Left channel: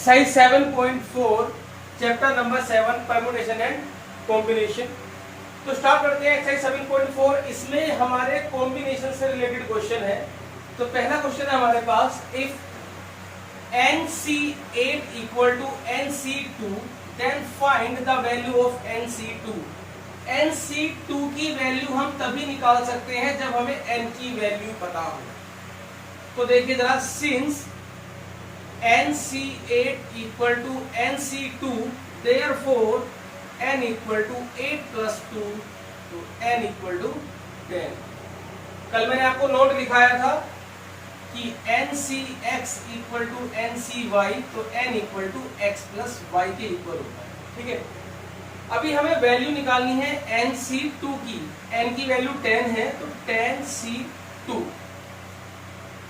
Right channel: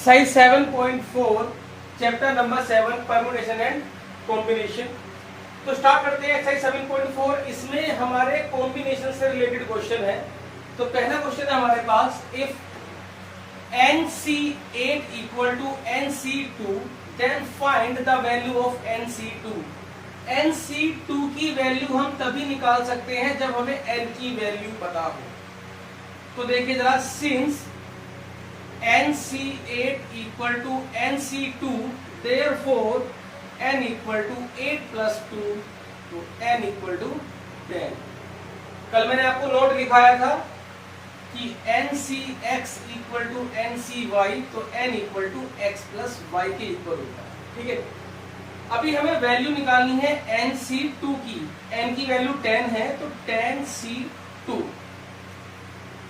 Exercise 7.4 chapter number 7 permutation and combination. तो start करते हैं एक्सरसाइज 7.4। इसमें हमारे कॉम्बिनेशन से रिलेटेड क्वेश्चन है। तो पहला क्वेश्चन है हमारे पास, if NC8 equal to NC2 then find the value of NC2। NC2 की वैल्यू हम तभी निकाल सकते हैं जब हमें N की वैल्यू पता हो। तो देखिए जरा, since NC8 equal to NC2 therefore N equal to 8 plus 2 तो N इक्वल टू 10। कल मैंने आपको नोट दिखाया था कि NCX इक्वल टू NCY तो N equal to X plus Y के इक्वल होता है। ठीक है, अभी हमें वैल्यू निकालनी है NC2 की। N की वैल्यू 10 है तो 10C2।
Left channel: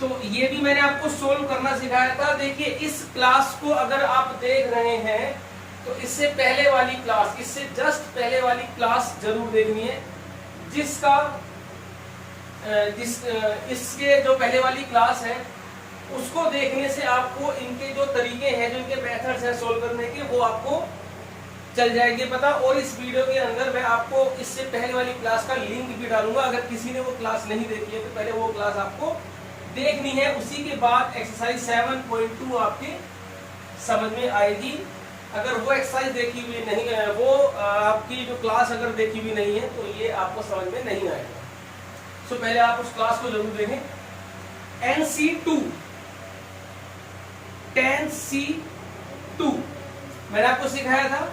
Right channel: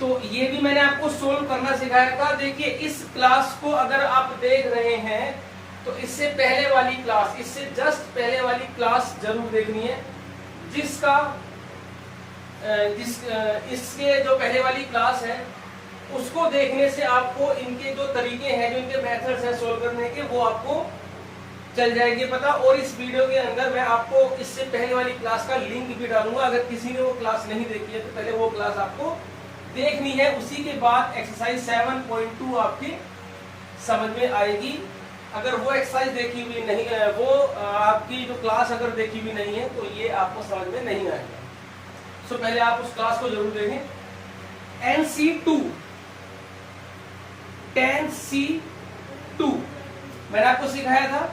तो ये भी मैंने आपको सोल्व करना सिखाया था। देखिए इस क्लास को अगर आप देख रहे हैं तो इससे पहले वाली क्लास, इससे जस्ट पहले वाली क्लास जरूर देखनी है, जिसका इसके जो पहले वाली क्लास है उसको देखने से आपको इनके जो तरीके हैं, जो इनके मेथड्स हैं सोल्व करने के, वो आपको चल जाएगी पता। और इस वीडियो के अंदर मैं आपको इससे पहले वाली क्लास का लिंक भी डालूंगा। अगर किसी ने वो क्लास नहीं देखी है तो पहले वो क्लास आपको देखनी है, उसी के बाद एक्सरसाइज 7.2 आपकी समझ में आएगी। अगर वो एक्सरसाइज देखी हुई नहीं है, वो आपकी जो क्लास अगर देखी हुई नहीं है तो ये आपको समझ में नहीं आएगा। सो पहले आप उस क्लास को जरूर देखें। NC2 10C2 मैंने आपको सिखाया था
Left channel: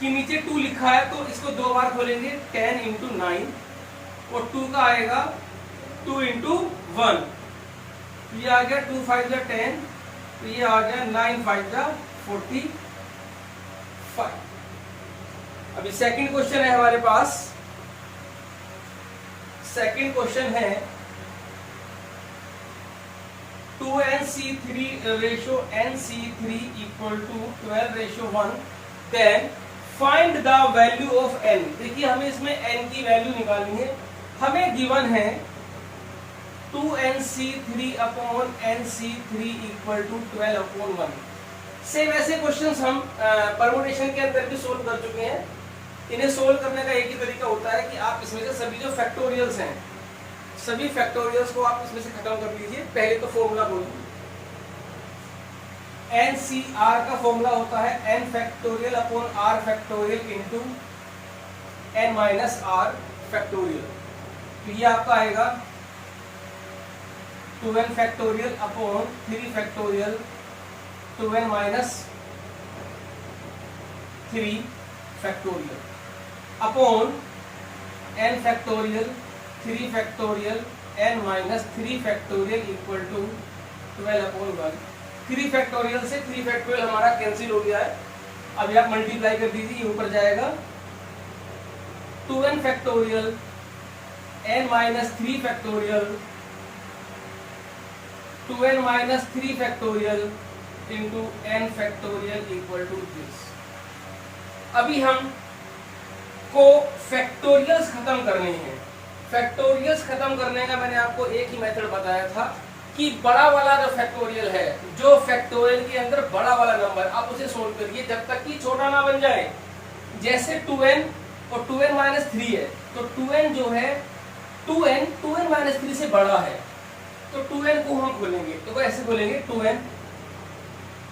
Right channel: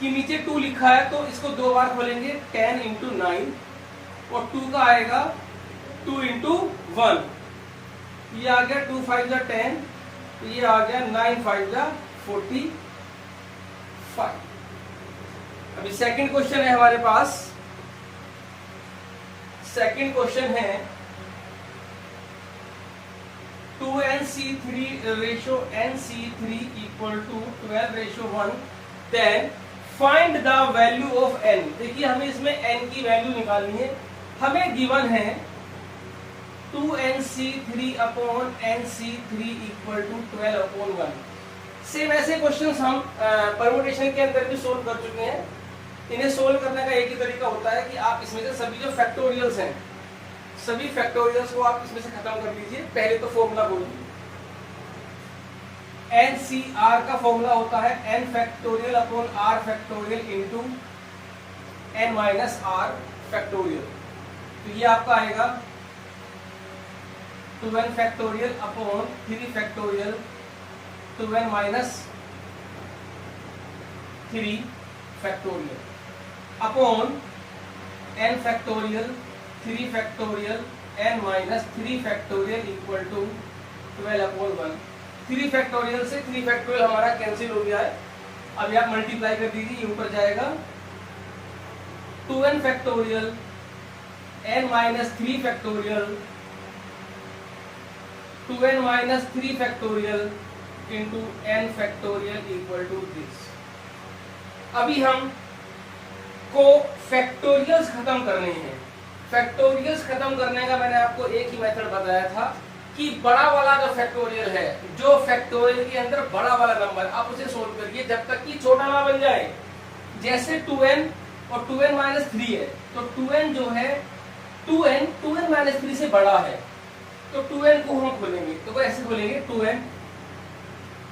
कि नीचे 2 लिखा है तो इसको 2 बार खोलेंगे, 10 इंटू 9 और 2 का आएगा 2 इंटू 1। ये आ गया 2 5 जा 10, तो ये आ गया 9 5 जा 45। अभी सेकंड क्वेश्चन है हमारे पास। सेकंड क्वेश्चन है 2NC3 ratio NC3 equal to 12 ratio 1 then find the value of N। देखिए हमें इसमें N की वैल्यू निकालनी है। हमें गिवन है 2NC3 upon NC3 equal to 12 upon 1। Same ऐसे क्वेश्चंस हम परम्यूटेशन के अंदर भी सोल्व कर चुके हैं। इन्हें सोल्व करने का एक ही तरीका होता है कि आप इसमें से सभी जो फैक्टोरियल्स हैं, सभी फैक्टोरियल्स को आप इसमें से खत्म कर लीजिए। पहले तो फॉर्मूला बोलिए, NCR का फॉर्मूला होता है N factorial upon R factorial into N minus R factorial. तो ये आपका आएगा 2n factorial upon 3 factorial 2n minus 3 factorial upon n factorial 3 factorial n minus 3 factorial equal to 12 upon 1। 3 factorial से 3 factorial हमारा cancel हो गया है। अब आप मल्टीप्लाई कर दीजिए, ये ऊपर जाएगा 2n factorial n minus 3 factorial 2n minus 3 factorial into n factorial equal to this. अभी हम को फैक्टोरियल्स खत्म करने हैं। फैक्टोरियल्स खत्म करने का मैंने आपको एक ही मेथड बताया था कि बड़ा वाला जो फैक्टोरियल है, जो फैक्टोरियल के अंदर बड़ा वाला नंबर, आप उसे सोल्व करिए जब तक कि छोटा ना बन जाए। जैसे 2n और 2n माइनस 3 है तो 2n जो है 2n माइनस 3 से बड़ा है, तो 2n को हम खोलेंगे, तो ऐसे खोलेंगे 2n।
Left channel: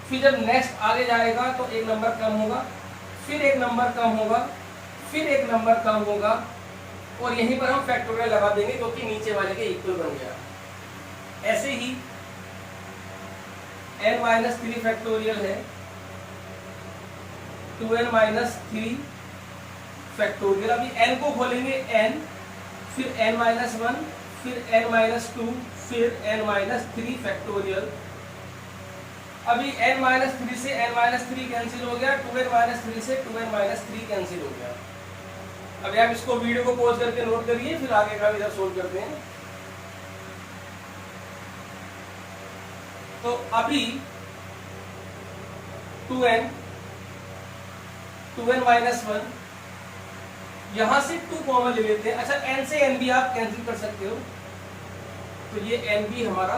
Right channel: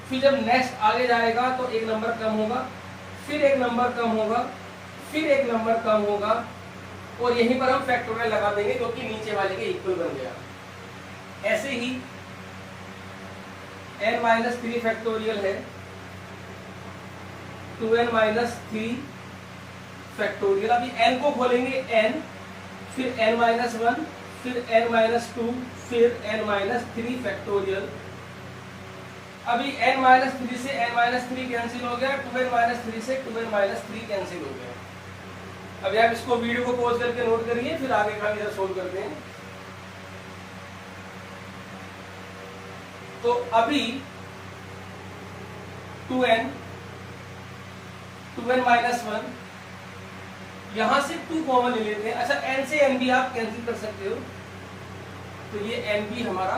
फिर जब नेक्स्ट आगे जाएगा तो एक नंबर कम होगा, फिर एक नंबर कम होगा, फिर एक नंबर कम होगा, और यहीं पर हम फैक्टोरियल लगा देंगे जो कि नीचे वाले के इक्वल बन गया। ऐसे ही n माइनस 3 फैक्टोरियल है 2n माइनस 3 फैक्टोरियल। अभी n को खोलेंगे n, फिर n माइनस 1, फिर n माइनस 2, फिर n माइनस 3 फैक्टोरियल। अभी n माइनस 3 से n माइनस 3 कैंसिल हो गया, 2n माइनस 3 से 2n माइनस 3 कैंसिल हो गया। अभी आप इसको वीडियो को पॉज करके नोट करिए, फिर आगे का इधर सोल्व करते हैं। तो अभी 2n माइनस 1, यहां से 2 कॉमन ले लेते हैं। अच्छा, n से n भी आप कैंसिल कर सकते हो, तो ये n भी हमारा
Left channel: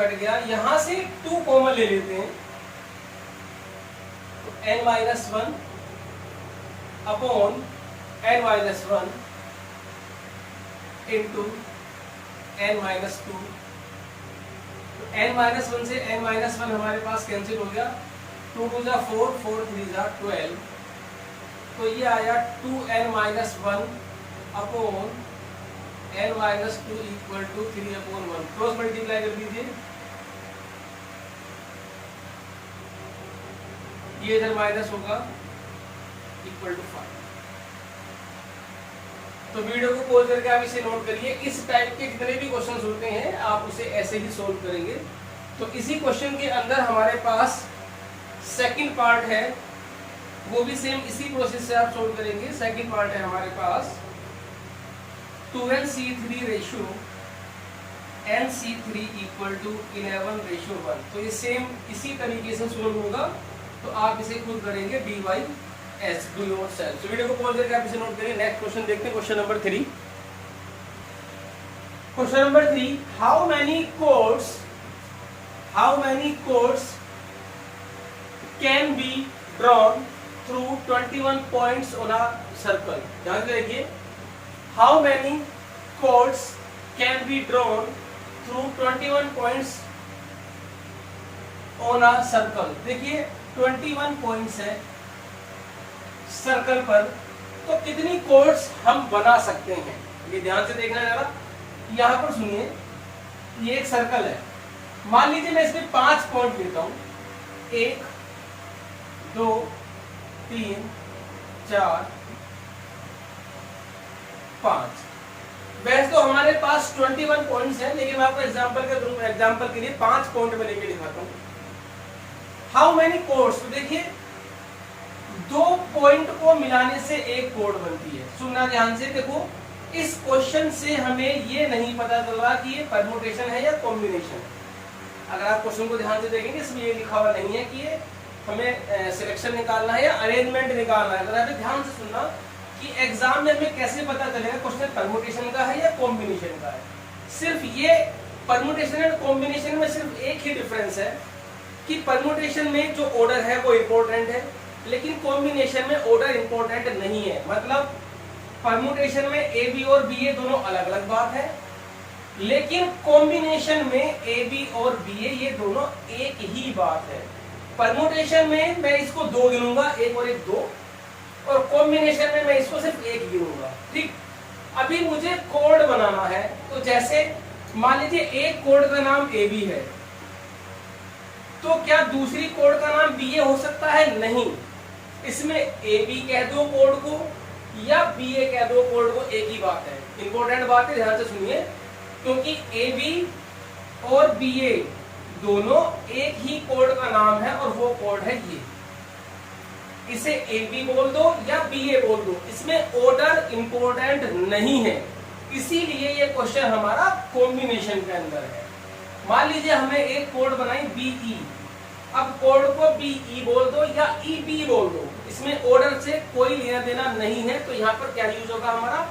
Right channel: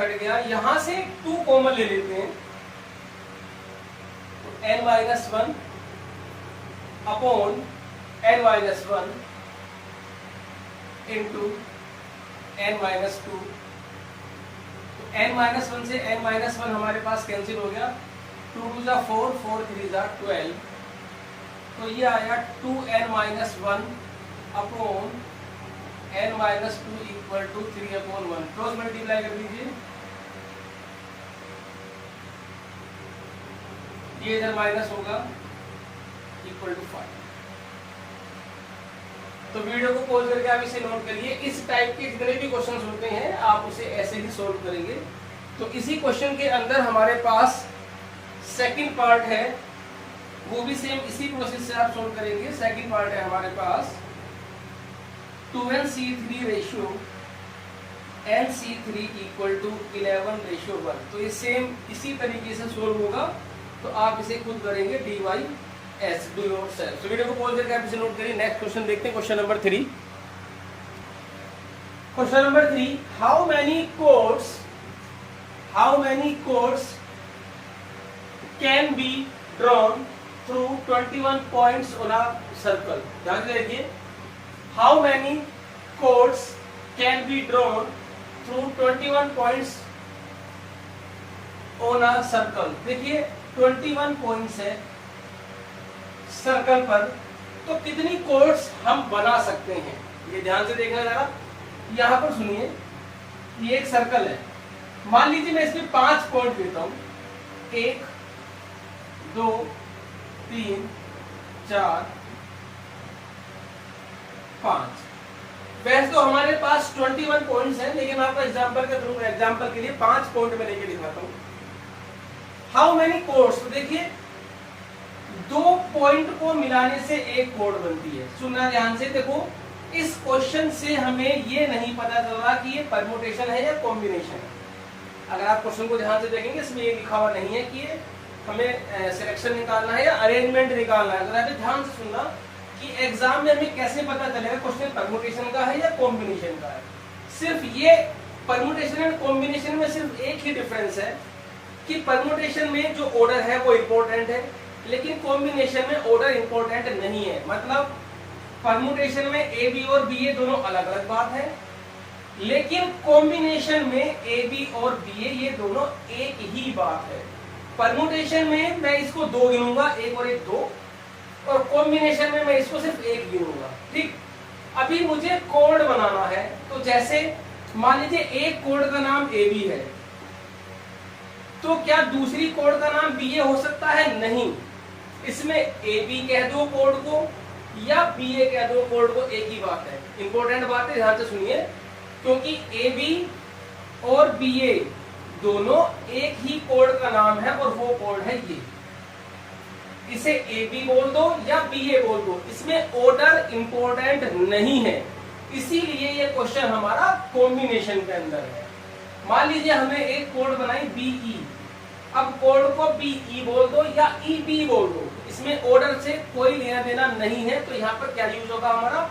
कट गया, यहां से 2 कॉमन ले लेते हैं, तो n-1 upon n-1 into n-2, तो n-1 से n-1 हमारे पास कैंसिल हो गया, 2 2 जा 4, 4 3 जा 12, तो ये आया 2n-1 upon n-2 equal to 3/1। Cross multiply कर दीजिए, ये इधर माइनस होगा इक्वल टू 5। तो वीडियो को पॉज करके आप इसे नोट करिए। इस टाइप के जितने भी क्वेश्चंस होते हैं आप उसे ऐसे ही सोल्व करेंगे। तो इसी क्वेश्चन के अंदर हमारे पास सेकंड पार्ट है, वो भी सेम इसी प्रोसेस से आप सोल्व करेंगे। सेकंड पार्ट है हमारे पास 2nc3 ratio nc3 equal to 11:1। तो ये सेम इसी तरीके से सोल्व होगा, तो आप इसे खुद करेंगे dy/s, डू योरसेल्फ। तो वीडियो को पॉज करके आप इसे नोट करें। नेक्स्ट क्वेश्चन देखते हैं, question number 3। Question number 3, how many codes can be drawn through 21 points on a circle. ध्यान से देखिए, how many codes can be drawn through 21 points on a circle. देखिए 21 पॉइंट्स है सर्कल पर, तो कितनी कोड्स हम बना सकते हैं, ये ध्यान से देखना जरा। यहां पर सुनिए, ये एक सर्कल है, मान लीजिए मैं इसमें 5 पॉइंट देता हूं, 1 2 3 4 5। वैसे तो हमारे पास 21 पॉइंट्स हैं, लेकिन मैं आपको एग्जांपल के लिए 5 पॉइंट में लेके दिखाता हूं। हाउ मेनी कोड्स, देखिए 2 पॉइंट को मिलाने से एक कोड बनती है। सुनना ध्यान से, देखो इस क्वेश्चन से हमें ये नहीं पता चल रहा कि ये परमुटेशन है या कॉम्बिनेशन है। अगर आप क्वेश्चन को ध्यान से देखेंगे, इसमें ये लिखा हुआ नहीं है कि ये हमें सिलेक्शन निकालना है या अरेंजमेंट निकालना है। अगर आप ध्यान से सुनना कि एग्जाम में हमें कैसे पता चलेगा क्वेश्चन परमुटेशन का है या कॉम्बिनेशन का है। सिर्फ ये परमुटेशन एंड कॉम्बिनेशन में सिर्फ एक ही डिफरेंस है कि परमुटेशन में जो ऑर्डर है वो इंपॉर्टेंट है, लेकिन कॉम्बिनेशन में ऑर्डर इंपॉर्टेंट नहीं है। मतलब परमुटेशन में ए बी और बी ए दोनों अलग अलग बात है, लेकिन कॉम्बिनेशन में ए बी और बी ए ये दोनों एक ही बात है। परमुटेशन में मैं इसको 2 गिनूंगा, 1 और 1 2, और कॉम्बिनेशन में मैं इसको सिर्फ 1 गिनूंगा। ठीक, अभी मुझे कोड बनाना है, तो जैसे मान लीजिए एक कोड का नाम ए बी है, तो क्या दूसरी कोड का नाम बी ए हो सकता है? नहीं, इसमें ए बी कह दो कोड को या बी ए कह दो कोड को, एक ही बात है। इंपॉर्टेंट बात है, ध्यान से सुनिए, क्योंकि ए बी और बी ए दोनों एक ही कोड का नाम है और वो कोड है ये। इसे ए बी बोल दो या बी ए बोल दो, इसमें ऑर्डर इंपॉर्टेंट नहीं है, इसीलिए ये क्वेश्चन हमारा कॉम्बिनेशन के अंदर है। मान लीजिए हमें एक कोड बनाई बीई, अब कोड को बीई बोल दो या ई बी बोल दो, इसमें ऑर्डर से कोई लेना देना नहीं है, तो यहाँ पर क्या यूज होगा हमारा?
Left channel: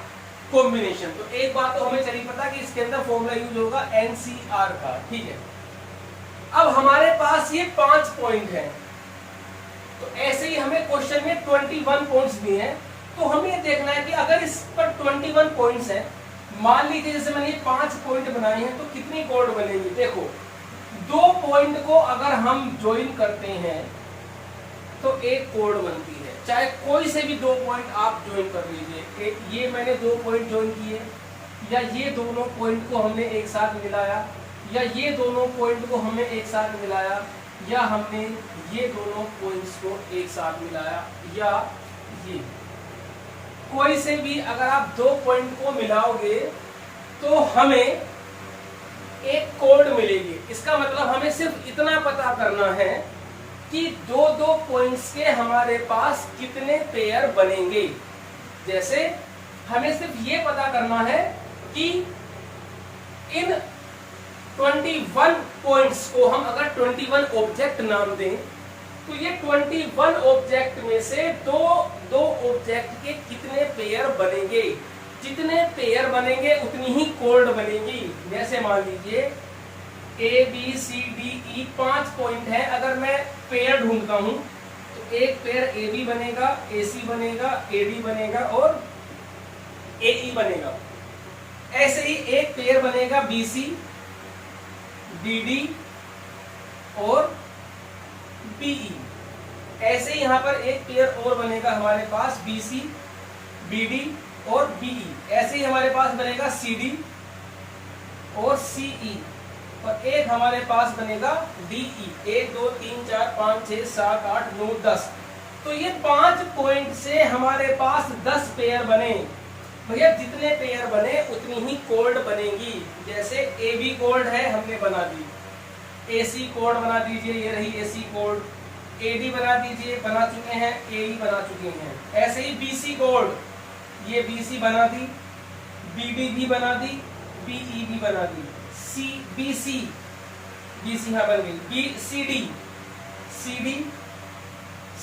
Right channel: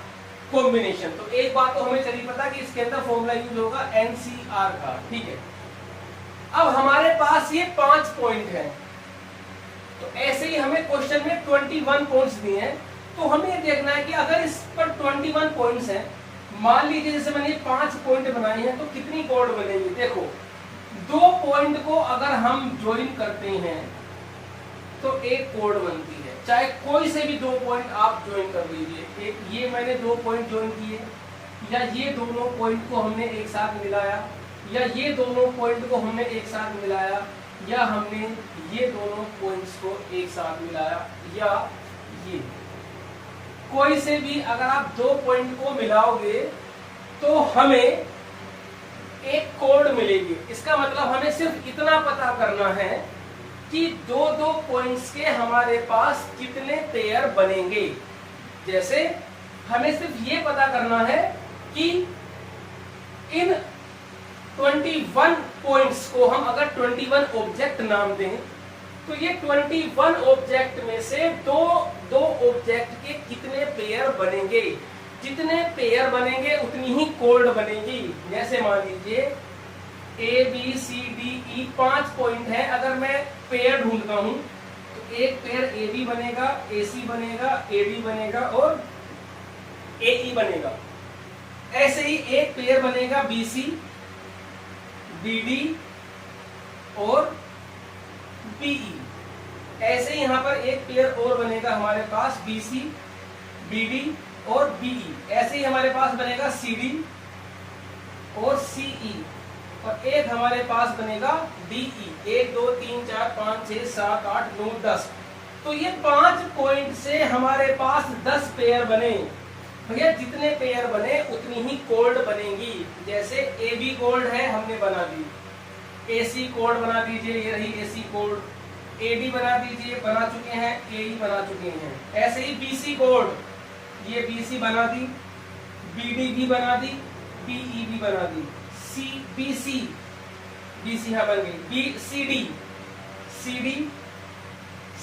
कॉम्बिनेशन। तो एक बात तो हमें चली पता कि इसके अंदर फॉर्मूला यूज होगा एनसीआर का। ठीक है, अब हमारे पास ये 5 पॉइंट हैं, तो ऐसे ही हमें क्वेश्चन में 21 पॉइंट्स दिए हैं, तो हमें ये देखना है कि अगर इस पर 21 पॉइंट्स हैं, मान लीजिए जैसे मैंने 5 पॉइंट बनाए हैं, तो कितनी कोड बनेगी? देखो 2 पॉइंट को अगर हम ज्वाइन करते हैं तो एक कोड बनती है, चाहे कोई से भी 2 पॉइंट आप ज्वाइन कर लीजिए। एक ये मैंने 2 पॉइंट ज्वाइन किए, या ये दोनों पॉइंट को हमने एक साथ मिलाया, या ये दोनों पॉइंट को हमने एक साथ मिलाया, या हमने ये दोनों पॉइंट्स को एक साथ मिलाया, या ये कोई से भी अगर आप 2 पॉइंट को मिलाओगे तो हमें एक कोड मिलेगी। इसका मतलब हमें सिर्फ इतना पता करना है कि 2 पॉइंट्स के हमारे पास कितने पेयर बनेंगे। जैसे हमें सिर्फ ये पता करना है कि इन 21 पॉइंट्स को हम अगर 21 ऑब्जेक्ट नाम दें, तो ये 21 ऑब्जेक्ट में से दो ऑब्जेक्ट के कितने पेयर बनेंगे। जितने पेयर बनेंगे उतनी ही कोड बनेगी। जैसे मान लीजिए A B C D E 5 point है। अगर मैं पेयर ढूंढता हूं तो एक पेयर ए बी बनेगा, ए सी बनेगा, ए डी बनेगा और ए ई बनेगा। ऐसे ही एक पेयर बनेगा बी सी, बी डी और बी ई। ऐसे ही यहां पर एक पेयर और बनेगा हमारे पास बी सी, बी डी और बी ई। ऐसे ही हमारे पास बनेगा सी डी और सी ई और एक हमारे पास बनेगा डी ई। 1 2 3 4 5 6 7 8 9 10। तो ये 5 पॉइंट से हमारे पास 10 पेयर बने। भैया जितने पेयर बने उतनी ही कोड बनेगी। जैसे ए बी कोड है हमने बना दी, ए सी कोड बना दीजिए, ये रही ए सी कोड। ए डी बना दीजिए, बना चुके हैं, ए ई बना चुके हैं। ऐसे ही बी सी कोड, ये बी सी बना दी, बी डी भी बना दी, बी ई भी बना दी, सी बी सी यहां बन गई, बी सी डी,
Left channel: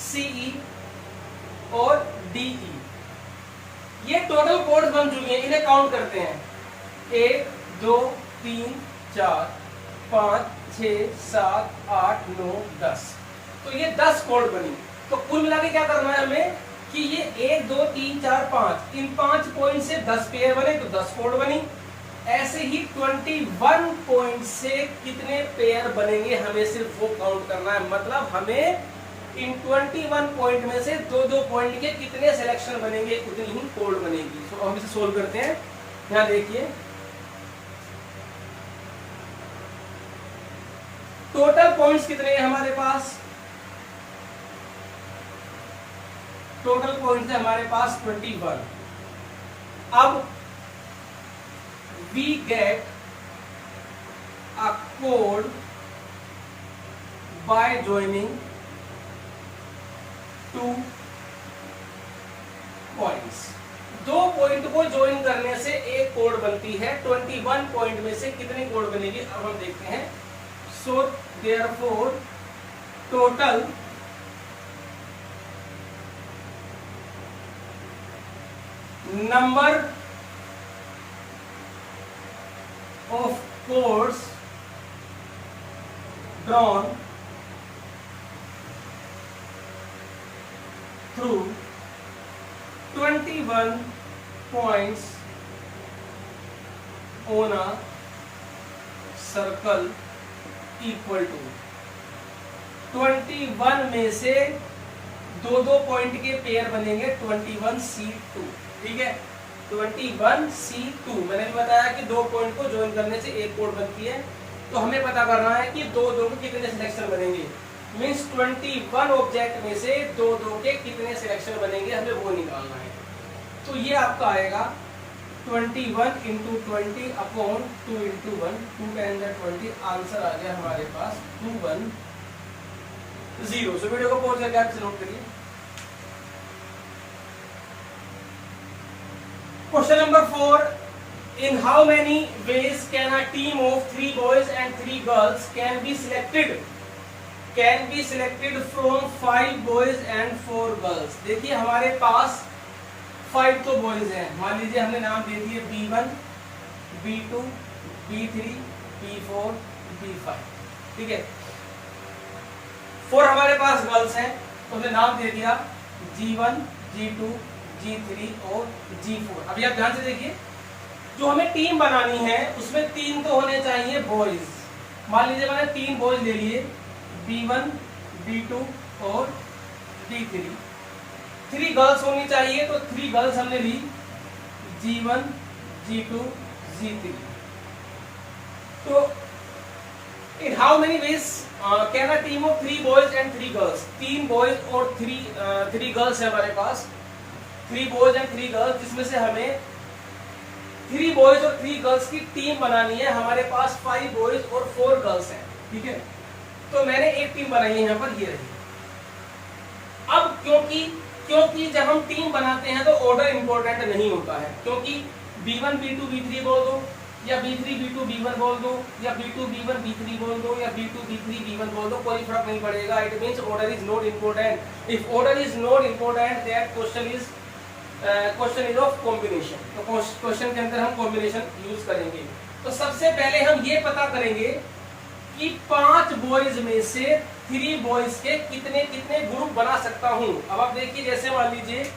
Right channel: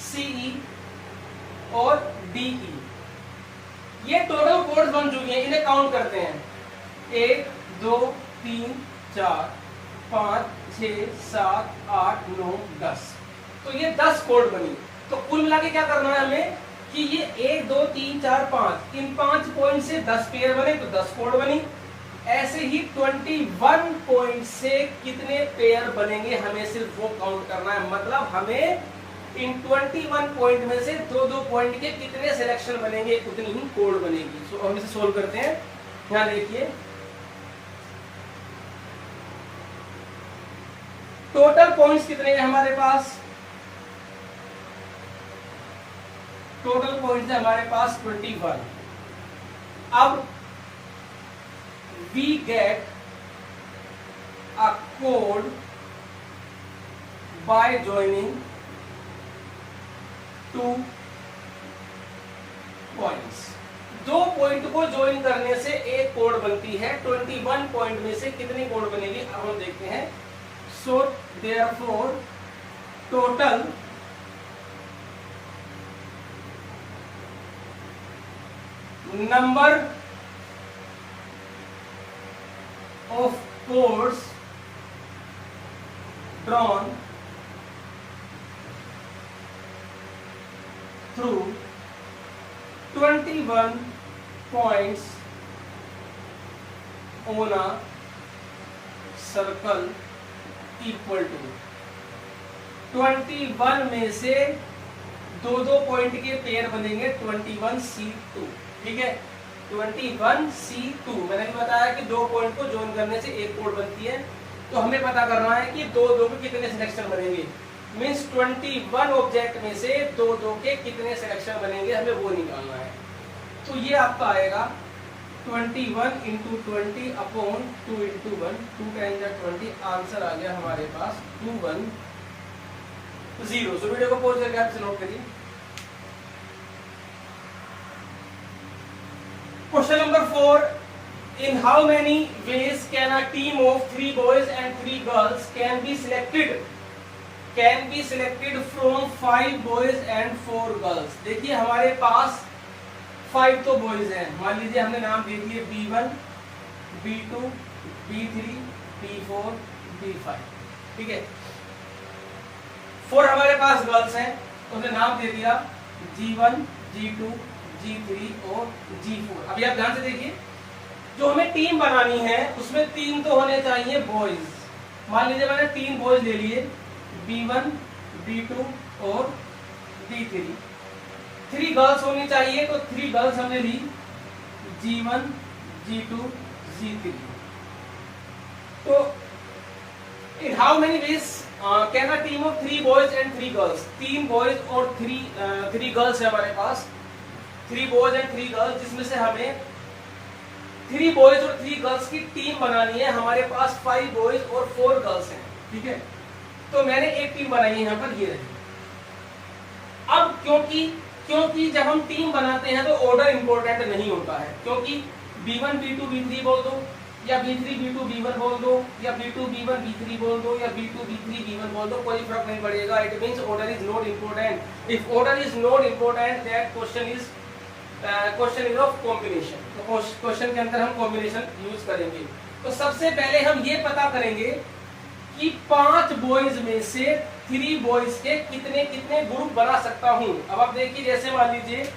सी ई और डी ई। ये टोटल कोड्स बन चुके हैं। इन्हें काउंट करते हैं, 1 2 3 4 5 6 7 8 9 10। तो ये 10 कोड बनी। तो कुल मिला के क्या करना है हमें कि ये 1 2 3 4 5 इन 5 पॉइंट से 10 पेयर बने तो 10 कोड बनी। ऐसे ही 21 पॉइंट से कितने पेयर बनेंगे हमें सिर्फ वो काउंट करना है। मतलब हमें इन 21 पॉइंट में से 2-2 पॉइंट के कितने सिलेक्शन बनेंगे उतनी ही कोड बनेगी। सो हम इसे सोल्व करते हैं। यहां देखिए टोटल पॉइंट्स कितने हैं हमारे पास। टोटल पॉइंट्स है हमारे पास 21। अब we get a code by joining 2 points। 2 point को ज्वाइन करने से एक कोड बनती है। 21 पॉइंट में से कितने कोड बनेगी अब हम देखते हैं। So therefore total number of codes drawn through 21 points on a circle equal to 21 में से 2-2 पॉइंट के पेयर बनेंगे 21C2। ठीक है, 21C2। मैंने भी बताया कि 2 पॉइंट को ज्वाइन करने से एक कोड बनती है। तो हमें पता करना है कि 2-2 के कितने सिलेक्शन बनेंगे। मींस 21 ऑब्जेक्ट में से 2-2 के कितने सिलेक्शन बनेंगे हमें वो निकालना है। तो ये आपका आएगा 21 इंटू 20 अपॉन 2 इंटू 1, 2 10 20। आंसर आ गया हमारे पास 210। सो वीडियो को पॉज करके आप नोट करिए। Question number 4. In how many ways can a team of 3 boys and 3 girls can be selected from 5 boys and 4 girls? देखिए हमारे पास 5 तो बॉयज हैं। मान लीजिए हमने नाम दे दिए B1, B2, B3, B4, B5। ठीक है, 4 हमारे पास गर्ल्स हैं तो हमने नाम दे दिया G1, G2, G3 और G4। अभी आप ध्यान से देखिए, जो हमें टीम बनानी है उसमें 3 तो होने चाहिए बॉयज। मान लीजिए मैंने 3 बॉयज ले लिए, B1, B2 और B3। 3 गर्ल्स होनी चाहिए तो 3 गर्ल्स हमने ली, G1, G2, G3। तो in how many ways can a team of 3 boys and 3 girls. 3 boys और 3 गर्ल्स है हमारे पास, 3 बॉयज एंड 3 गर्ल्स, जिसमें से हमें 3 बॉयज और 3 गर्ल्स की टीम बनानी है। हमारे पास 5 बॉयज और 4 गर्ल्स हैं। ठीक है, तो मैंने एक टीम बनाई है यहाँ पर, ये रही। अब क्योंकि जब हम टीम बनाते हैं तो ऑर्डर इंपॉर्टेंट नहीं होता है, क्योंकि B1 B2 B3 बोल दो, या B3 B2 B1 बोल दो, या B2 B1 B3 बोल दो, या B2 B3 B1 बोल दो, कोई फर्क नहीं पड़ेगा। It means order is not important. If order is not important that question is of combination. तो क्वेश्चन के अंदर हम कॉम्बिनेशन यूज करेंगे। तो सबसे पहले हम ये पता करेंगे कि 5 बॉयज में से 3 बॉयज के कितने कितने ग्रुप बना सकता हूं। अब आप देखिए, जैसे मान लीजिए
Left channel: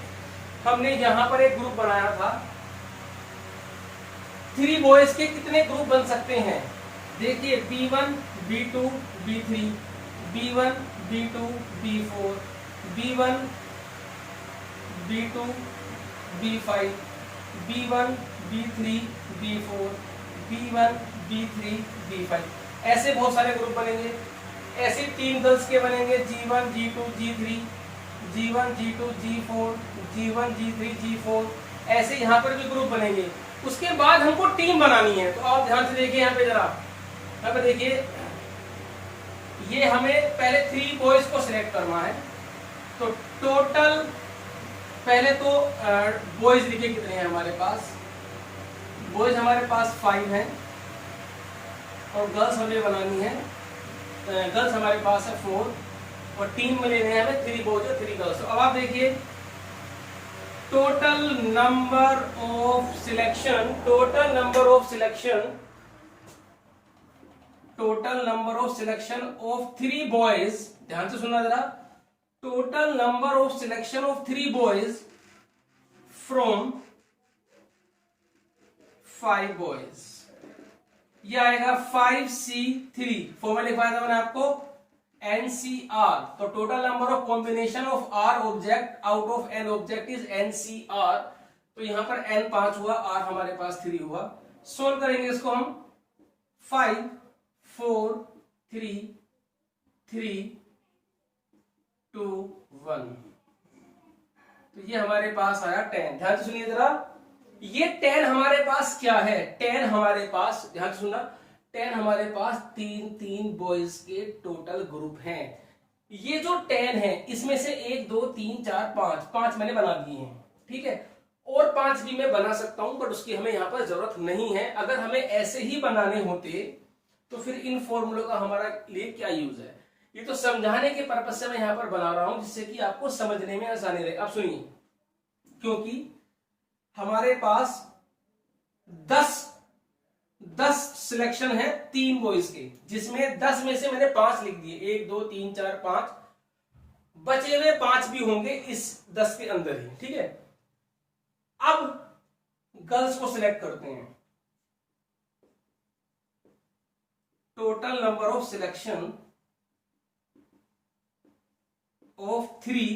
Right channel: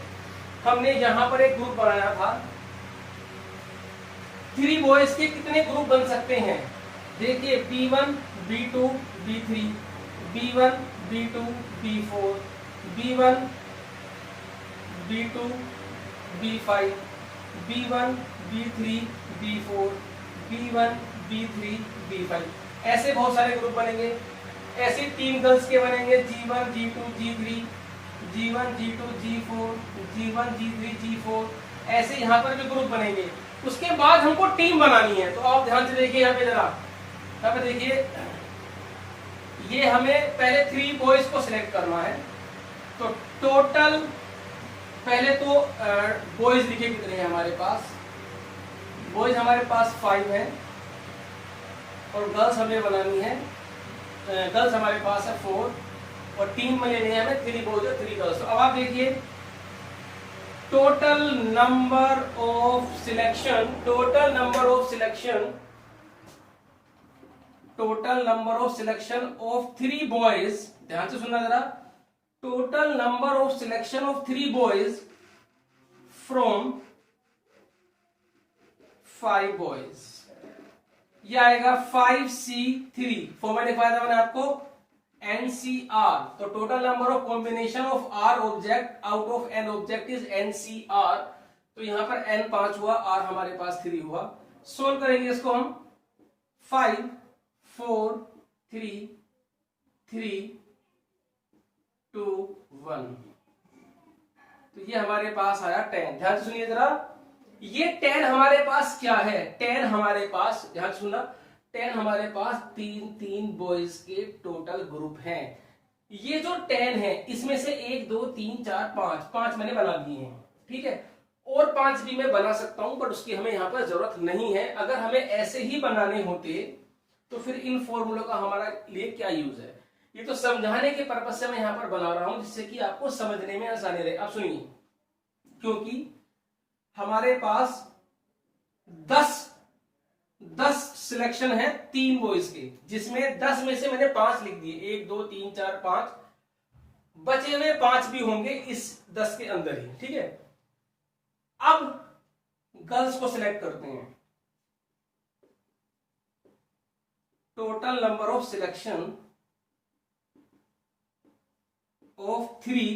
हमने यहां पर एक ग्रुप बनाया था, 3 बॉयज के कितने ग्रुप बन सकते हैं। देखिए B1 B2 B3, B1 B2 B4, B1 B2 B5, B1 B3 B4, B1 B3 B5, ऐसे बहुत सारे ग्रुप बनेंगे। ऐसे 3 गर्ल्स के बनेंगे, G1 G2 G3, G1 G2 G4, G1 G3 G4, ऐसे यहाँ पर जो ग्रुप बनेंगे। उसके बाद हमको टीम बनानी है। तो आप ध्यान से देखिए यहाँ पे जरा, यहाँ पे देखिए, ये हमें पहले 3 बॉयज को सिलेक्ट करना है। तो टोटल पहले तो बॉयज लिखे कितने हैं हमारे पास। बॉयज हमारे पास 5 हैं और गर्ल्स हमें बनानी है, गर्ल्स हमारे पास है 4 और टीम में लेने हैं हमें 3 बॉयज और 3 गर्ल्स। तो अब आप देखिए total number of selection, total number of selection of 3 boys, ध्यान से सुनना जरा, total number of selection of 3 boys from 5 boys, ये आएगा 5C3। फॉर्मूला लिखवाया था मैंने आपको, NCR। तो total number of combination of R object out of N object is NCR। तो यहां पर N 5 हुआ, R हमारे पास 3 हुआ। सोल्व करेंगे इसको हम, 5 4 3 3 2 1, तो ये हमारे पास आया 10। ध्यान से सुनिए जरा, ये 10 हमारे पास क्या है, 10 हमारे पास, ध्यान से सुनना, 10 हमारे पास 3 बॉयज के टोटल ग्रुप हैं। ये जो 10 है इसमें से 1 2 3 4 5 मैंने बना दिए हैं, ठीक है। और 5 भी मैं बना सकता हूं, बट उसकी हमें यहां पर जरूरत नहीं है। अगर हमें ऐसे ही बनाने होते तो फिर इन फॉर्मूलों का हमारा लिए क्या यूज है। ये तो समझाने के पर्पज से मैं यहां पर बना रहा हूं, जिससे कि आपको समझने में आसानी रहे। अब सुनिए, क्योंकि हमारे पास 10 सिलेक्शन है 3 बॉयज के, जिसमें 10 में से मैंने 5 लिख दिए, 1 2 3 4 5, बचे हुए 5 भी होंगे इस 10 के अंदर ही, ठीक है। अब गर्ल्स को सिलेक्ट करते हैं। Total number of selection of 3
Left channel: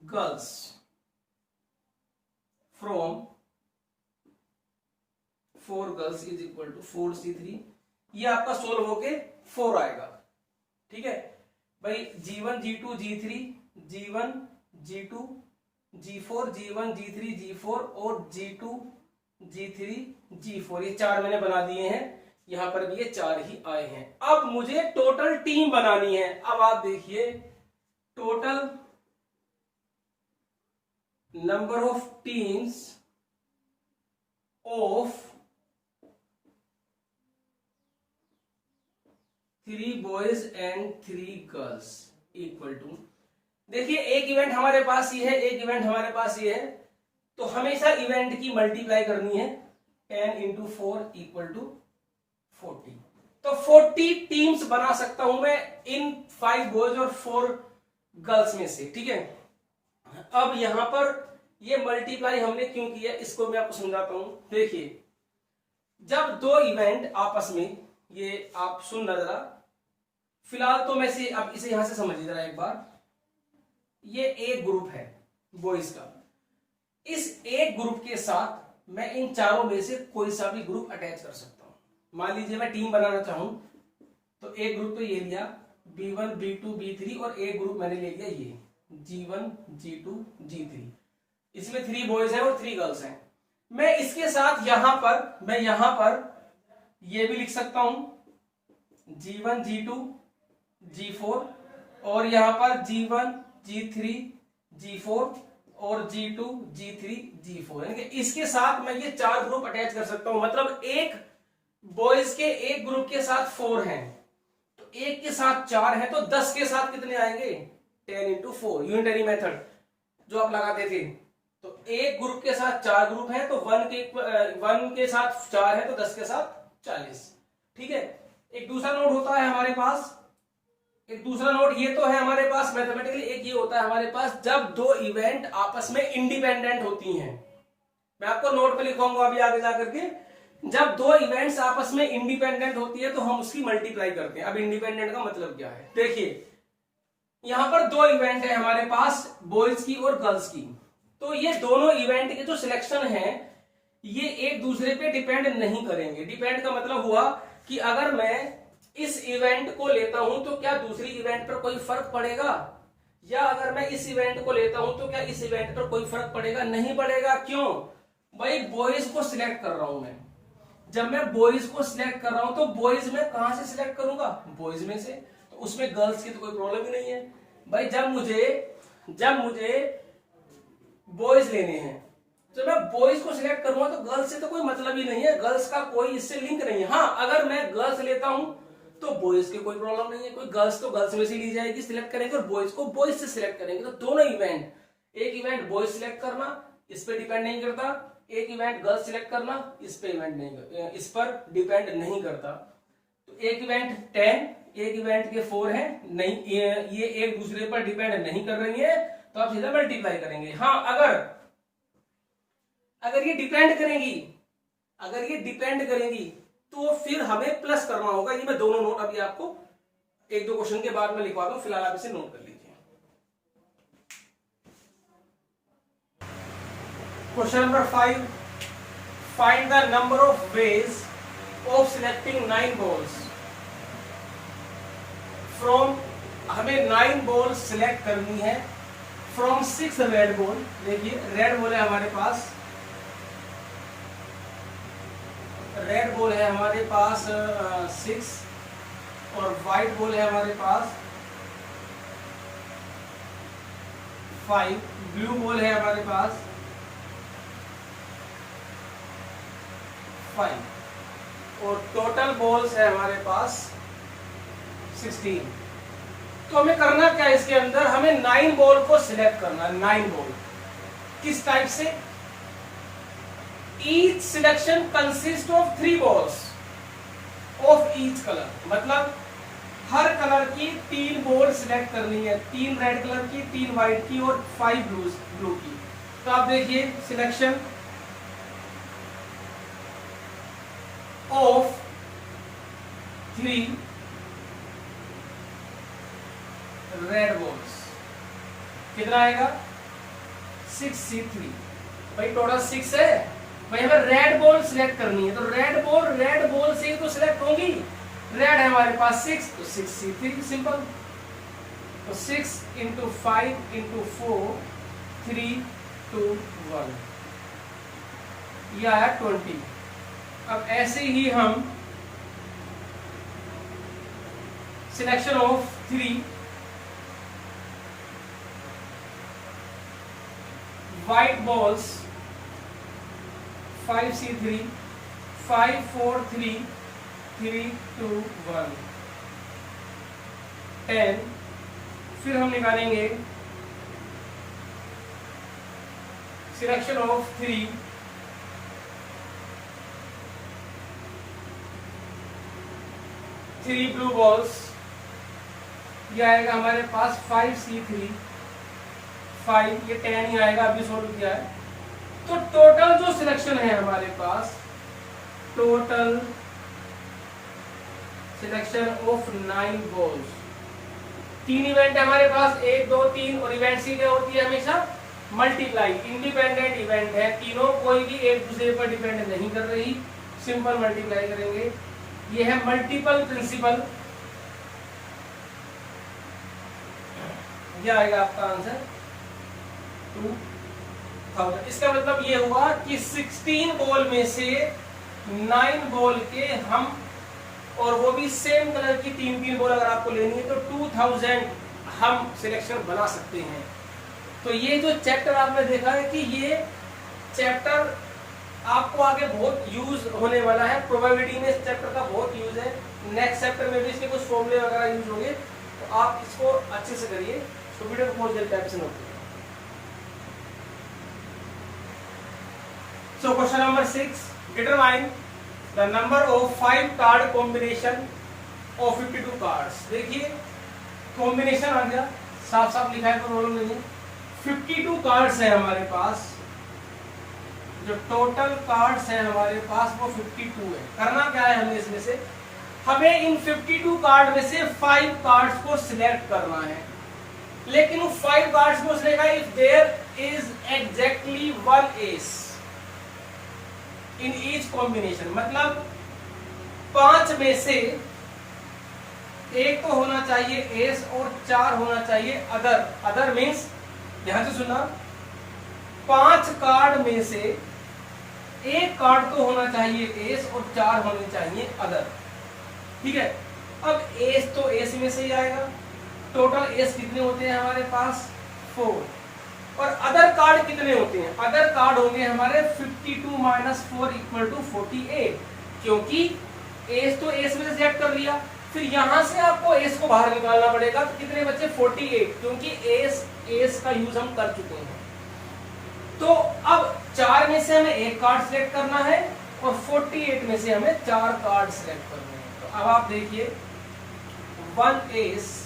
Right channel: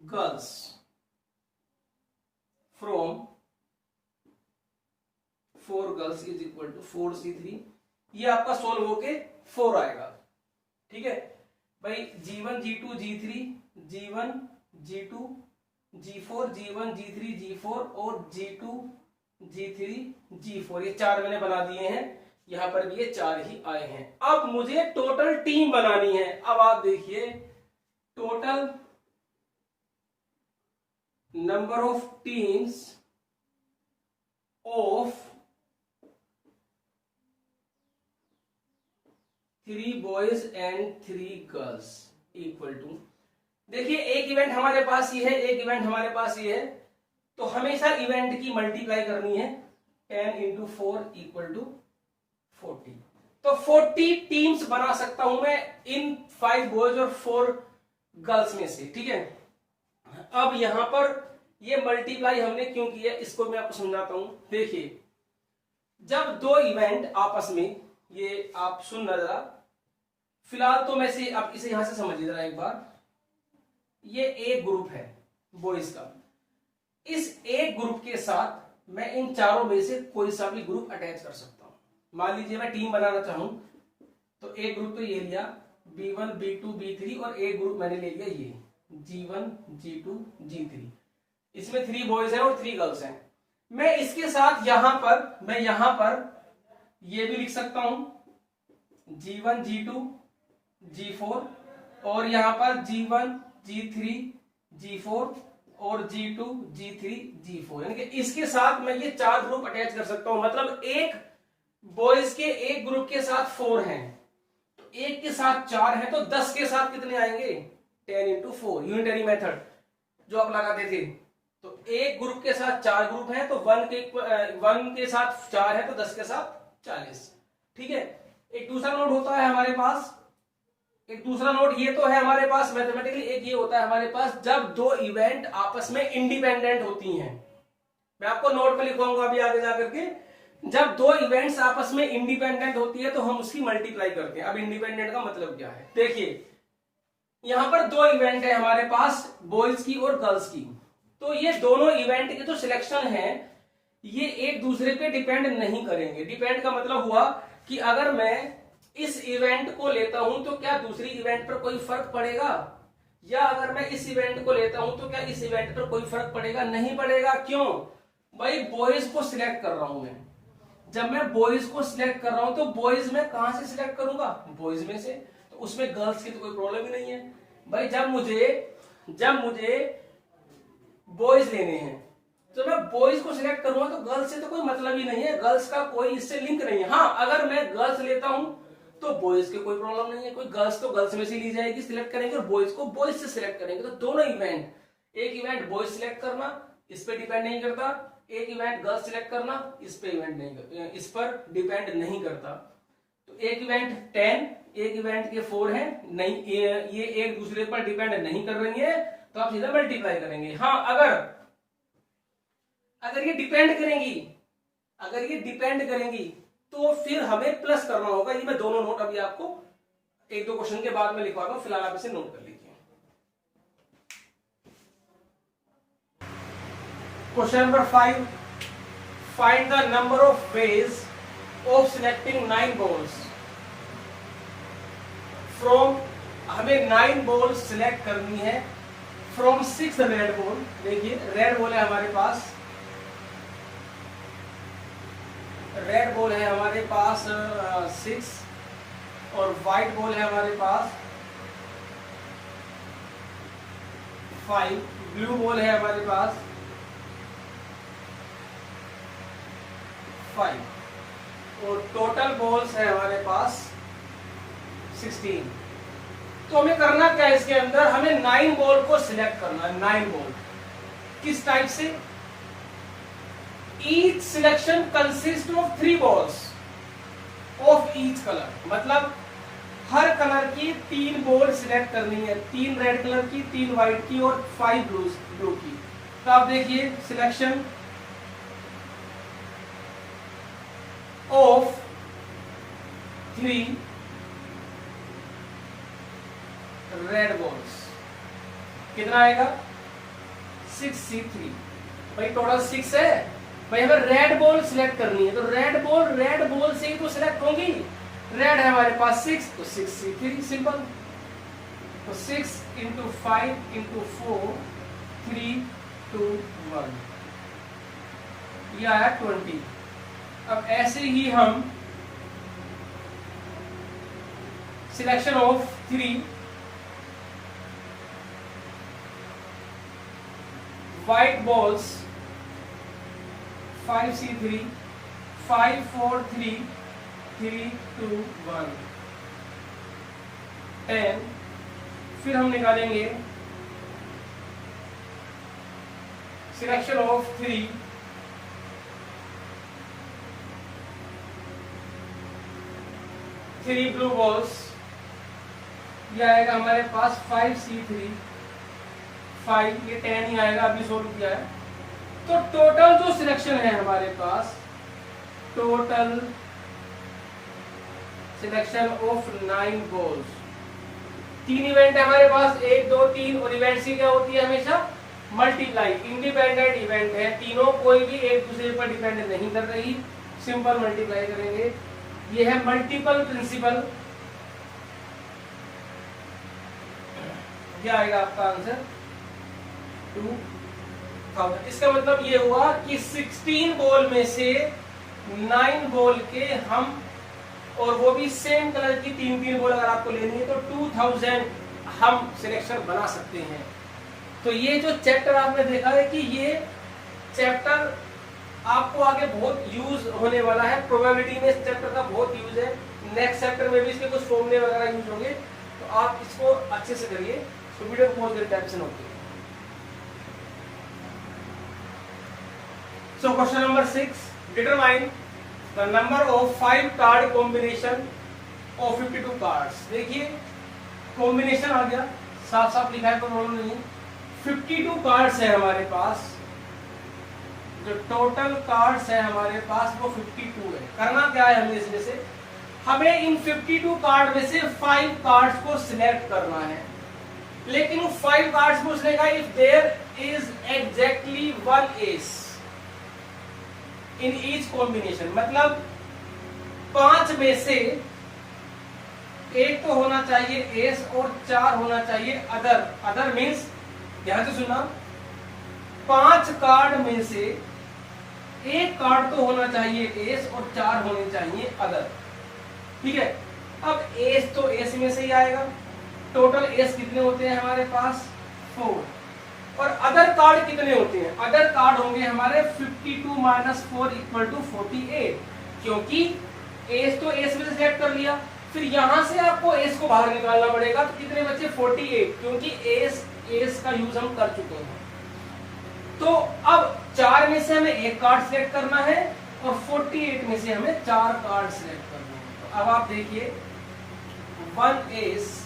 girls from 4 girls is equal to 4C3। ये आपका सोल्व होके 4 आएगा, ठीक है भाई। G1 G2 G3, G1 G2 G4, G1 G3 G4 और G2 G3 G4, ये 4 मैंने बना दिए हैं। यहां पर भी ये 4 ही आए हैं। अब मुझे टोटल टीम बनानी है। अब आप देखिए, total number of teams of 3 boys and 3 girls equal to, देखिए एक इवेंट हमारे पास ये है, एक इवेंट हमारे पास ये है, तो हमेशा इवेंट की मल्टीप्लाई करनी है। 10 इंटू 4 इक्वल टू 40। तो 40 टीम्स बना सकता हूं मैं इन 5 बॉयज और 4 गर्ल्स में से, ठीक है। अब यहां पर ये मल्टीप्लाई हमने क्यों किया, इसको मैं आपको समझाता हूं। देखिए, जब 2 इवेंट आपस में, ये आप सुन जरा, फिलहाल तो मैं से अब इसे यहां से समझिए जरा एक बार। ये एक ग्रुप है बॉयज का, इस एक ग्रुप के साथ मैं इन चारों में से कोई सा भी ग्रुप अटैच कर सकता हूं। मान लीजिए मैं टीम बनाना चाहूं, तो एक ग्रुप तो ये लिया B1 B2 B3 और एक ग्रुप मैंने ले लिया ये G1 G2 G3। इसमें 3 बॉयज हैं और 3 गर्ल्स हैं। मैं इसके साथ यहां पर ये भी लिख सकता हूं G1 G2 G4 और यहां पर G1 G3 G4 और G2 G3 G4, यानी कि इसके साथ मैं ये 4 ग्रुप अटैच कर सकता हूं। मतलब एक बॉयज के एक ग्रुप के साथ 4 हैं, तो एक के साथ 4 है, तो 10 के साथ कितने आएंगे, 10 इंटू 4, यूनिटरी मेथड जो आप लगाते थे। तो एक ग्रुप के साथ 4 ग्रुप हैं, तो 1 के साथ 4 है, तो 10 के साथ 40, ठीक है। एक दूसरा नोड होता है हमारे पास, एक दूसरा नोड ये तो है हमारे पास मैथमेटिकली, एक ये होता है हमारे पास जब दो इवेंट आपस में इंडिपेंडेंट होती हैं। मैं आपको नोट पे लिखवाऊंगा अभी आगे जाकर के। जब दो इवेंट्स आपस में इंडिपेंडेंट होती है तो हम उसकी मल्टीप्लाई करते हैं। अब इंडिपेंडेंट का मतलब क्या है, देखिए यहां पर दो इवेंट है हमारे पास, बॉयज की और गर्ल्स की। तो ये दोनों इवेंट के जो सिलेक्शन है ये एक दूसरे पे डिपेंड नहीं करेंगे। डिपेंड का मतलब हुआ कि अगर मैं इस इवेंट को लेता हूं तो क्या दूसरी इवेंट पर कोई फर्क पड़ेगा, या अगर मैं इस इवेंट को लेता हूं तो क्या इस इवेंट पर कोई फर्क पड़ेगा, नहीं पड़ेगा। क्यों भाई, बॉयज को सिलेक्ट कर रहा हूं मैं। जब मैं बॉयज को सिलेक्ट कर रहा हूं तो बॉयज में कहां से सिलेक्ट करूंगा, बॉयज में से, तो उसमें गर्ल्स की तो कोई प्रॉब्लम ही नहीं है भाई। जब मुझे बॉयज लेने हैं तो मैं बॉयज को सिलेक्ट करूंगा तो गर्ल्स से तो कोई मतलब ही नहीं है, गर्ल्स का कोई इससे लिंक नहीं है। हाँ, अगर मैं गर्ल्स लेता हूं तो बॉयज की कोई प्रॉब्लम नहीं है, कोई गर्ल्स तो गर्ल्स में से ली जाएगी, सिलेक्ट करेंगे, और बॉयज को बॉयज से सिलेक्ट करेंगे। तो दोनों इवेंट, एक इवेंट बॉयज सिलेक्ट करना इस पे डिपेंड नहीं करता, एक इवेंट गर्ल्स सिलेक्ट करना इस पर डिपेंड नहीं करता। तो एक इवेंट 10, एक इवेंट के 4 है, नहीं ये एक दूसरे पर डिपेंड नहीं कर रही है, तो आप सीधा मल्टीप्लाई करेंगे। हाँ, अगर ये डिपेंड करेंगी तो फिर हमें प्लस करना होगा। ये मैं दोनों नोट अभी आपको एक दो क्वेश्चन के बाद में लिखवा दूं, फिलहाल आप इसे नोट कर लीजिए। Question number 5, find the number of ways of selecting 9 balls from, हमें 9 बॉल सिलेक्ट करनी है फ्रॉम 6 रेड बॉल। देखिए रेड बॉल है हमारे पास, रेड बॉल है हमारे पास 6, और व्हाइट बॉल है हमारे पास 5, ब्लू बॉल है हमारे पास 5, और टोटल बॉल्स है हमारे पास 16। तो हमें करना क्या है इसके अंदर, हमें 9 बॉल को सिलेक्ट करना है। 9 बॉल किस टाइप से, each selection consists of 3 balls of each color, मतलब हर कलर की 3 बॉल सिलेक्ट करनी है, 3 रेड कलर की, 3 व्हाइट की और 5 ब्लू की। तो आप देखिए सिलेक्शन ऑफ 3 रेड बॉल्स कितना आएगा, 6C3। भाई टोटल 6 है भाई, हमें रेड बॉल सिलेक्ट करनी है, तो रेड बॉल से ही तो सिलेक्ट होगी। रेड है हमारे पास 6, तो 6C3 सिंपल। तो 6 × 5 × 4 3 2 1, ये आया 20। अब ऐसे ही हम selection of 3 white balls 5C3 5 4 3 3 2 1 10। फिर हम निकालेंगे सिलेक्शन ऑफ 3 ब्लू बॉल्स, ये आएगा हमारे पास 5C3 5, ये 10 ही आएगा, अभी 100 रुपया है। तो टोटल जो सिलेक्शन है हमारे पास, total selection of 9 balls, 3 event है हमारे पास, 1 2 3, और इवेंट सी क्या होती है हमेशा मल्टीप्लाई। इंडिपेंडेंट इवेंट है तीनों, कोई भी एक दूसरे पर डिपेंड नहीं कर रही, सिंपल मल्टीप्लाई करेंगे। ये है मल्टीपल प्रिंसिपल, ये आएगा आपका आंसर 2000। इसका मतलब ये हुआ कि 16 बॉल में से 9 बॉल के हम, और वो भी सेम कलर की 3 बॉल अगर आपको लेनी है तो 2000 हम सिलेक्शन बना सकते हैं। तो ये जो चैप्टर आपने देखा है कि ये चैप्टर आपको आगे बहुत यूज होने वाला है, प्रोबेबिलिटी में इस चैप्टर का बहुत यूज है, नेक्स्ट चैप्टर में भी इसके कुछ फॉर्मूले वगैरह यूज होंगे, तो आप इसको अच्छे से करिए। तो वीडियो को पॉज करके ऑप्शन होती है। So question number 6, determine the number of 5 card combination of 52 cards. देखिए कॉम्बिनेशन आ गया, साफ साफ लिखा है, कोई प्रॉब्लम नहीं है। 52 कार्ड्स है हमारे पास, जो टोटल कार्ड्स है हमारे पास वो 52 है। करना क्या है हमें इसमें से, हमें इन 52 कार्ड में से 5 कार्ड्स को सिलेक्ट करना है। लेकिन 5 कार्ड्स को select if there is exactly 1 ace in each combination, मतलब 5 में से एक तो होना चाहिए एस और 4 होना चाहिए अदर। अदर मीन्स ध्यान से सुनना, 5 कार्ड में से एक कार्ड तो होना चाहिए एस और 4 होने चाहिए अदर। ठीक है, अब एस तो एस में से ही आएगा। टोटल एस कितने होते हैं हमारे पास 4, और अदर कार्ड कितने होते हैं, अदर कार्ड होंगे हमारे 52 माइनस 4 इक्वल टू 48, क्योंकि एस तो एस में से सेट कर लिया। फिर यहां से आपको एस को बाहर निकालना पड़ेगा, तो कितने बच्चे 48, क्योंकि एस का यूज हम कर चुके हैं। तो अब 4 में से हमें एक कार्ड सिलेक्ट करना है और 48 में से हमें 4 कार्ड सिलेक्ट करने हैं। तो अब आप देखिए 1 S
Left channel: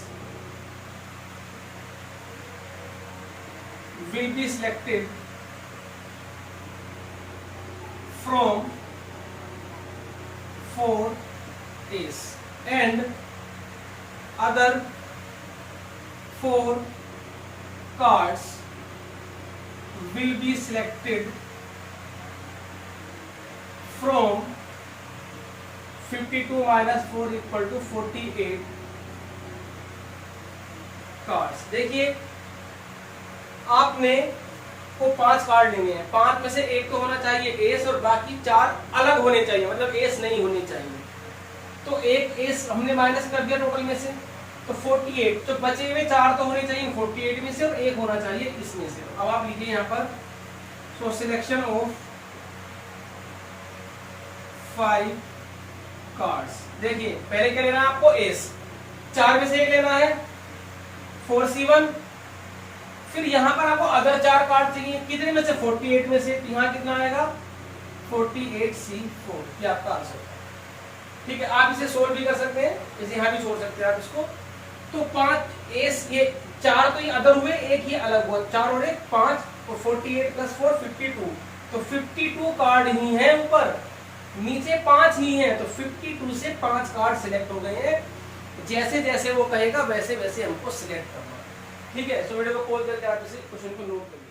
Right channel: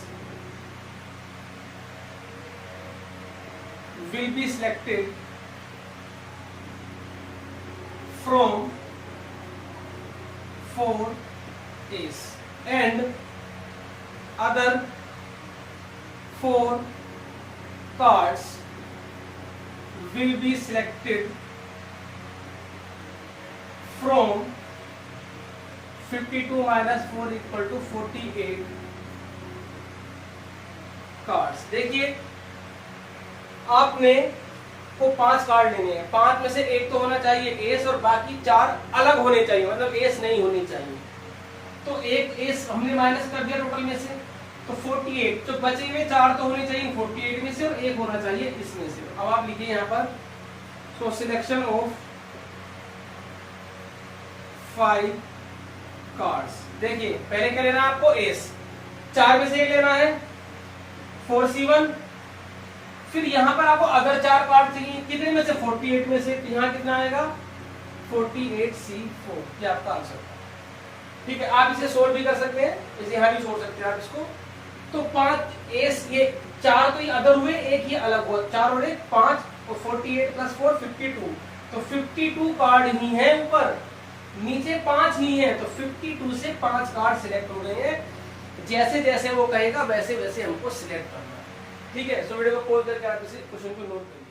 will be selected from 4 A's and other 4 cards will be selected from 52 minus 4 equal to 48 cards. देखिए आपने को 5 कार्ड लेने हैं, 5 में से एक तो होना चाहिए एस और बाकी 4 अलग होने चाहिए, मतलब एस नहीं होनी चाहिए। तो एक एस हमने माइनस कर दिया टोटल में से, तो 48, तो बचे हुए 4 तो होने चाहिए 48 में से और एक होना चाहिए इसमें से। अब आप लिखिए यहाँ पर, सो सिलेक्शन ऑफ 5 कार्ड्स। देखिए पहले क्या लेना है आपको एस, 4 में से एक लेना है 4C1, फिर यहां पर आपको अदर 4 कार्ड चाहिए, कितने में से 48 में से, तो यहां कितना आएगा 48C4, ये आपका आंसर है। ठीक है, आप इसे सोल्व भी कर सकते हैं, जैसे यहां भी सोच सकते हैं आप इसको। तो 5 एस, ये 4 तो ये अदर हुए, एक ही अलग हुआ, 4 और 1 5, और 48 प्लस 4 52, तो 52 कार्ड ही है ऊपर, नीचे 5 ही है, तो 52 से 5 कार्ड सिलेक्ट हो गए हैं। जैसे जैसे वो कहेगा वैसे वैसे हमको सिलेक्ट करना है। ठीक है, सो वीडियो को पॉज करके आप इसे क्वेश्चन को नोट करिए।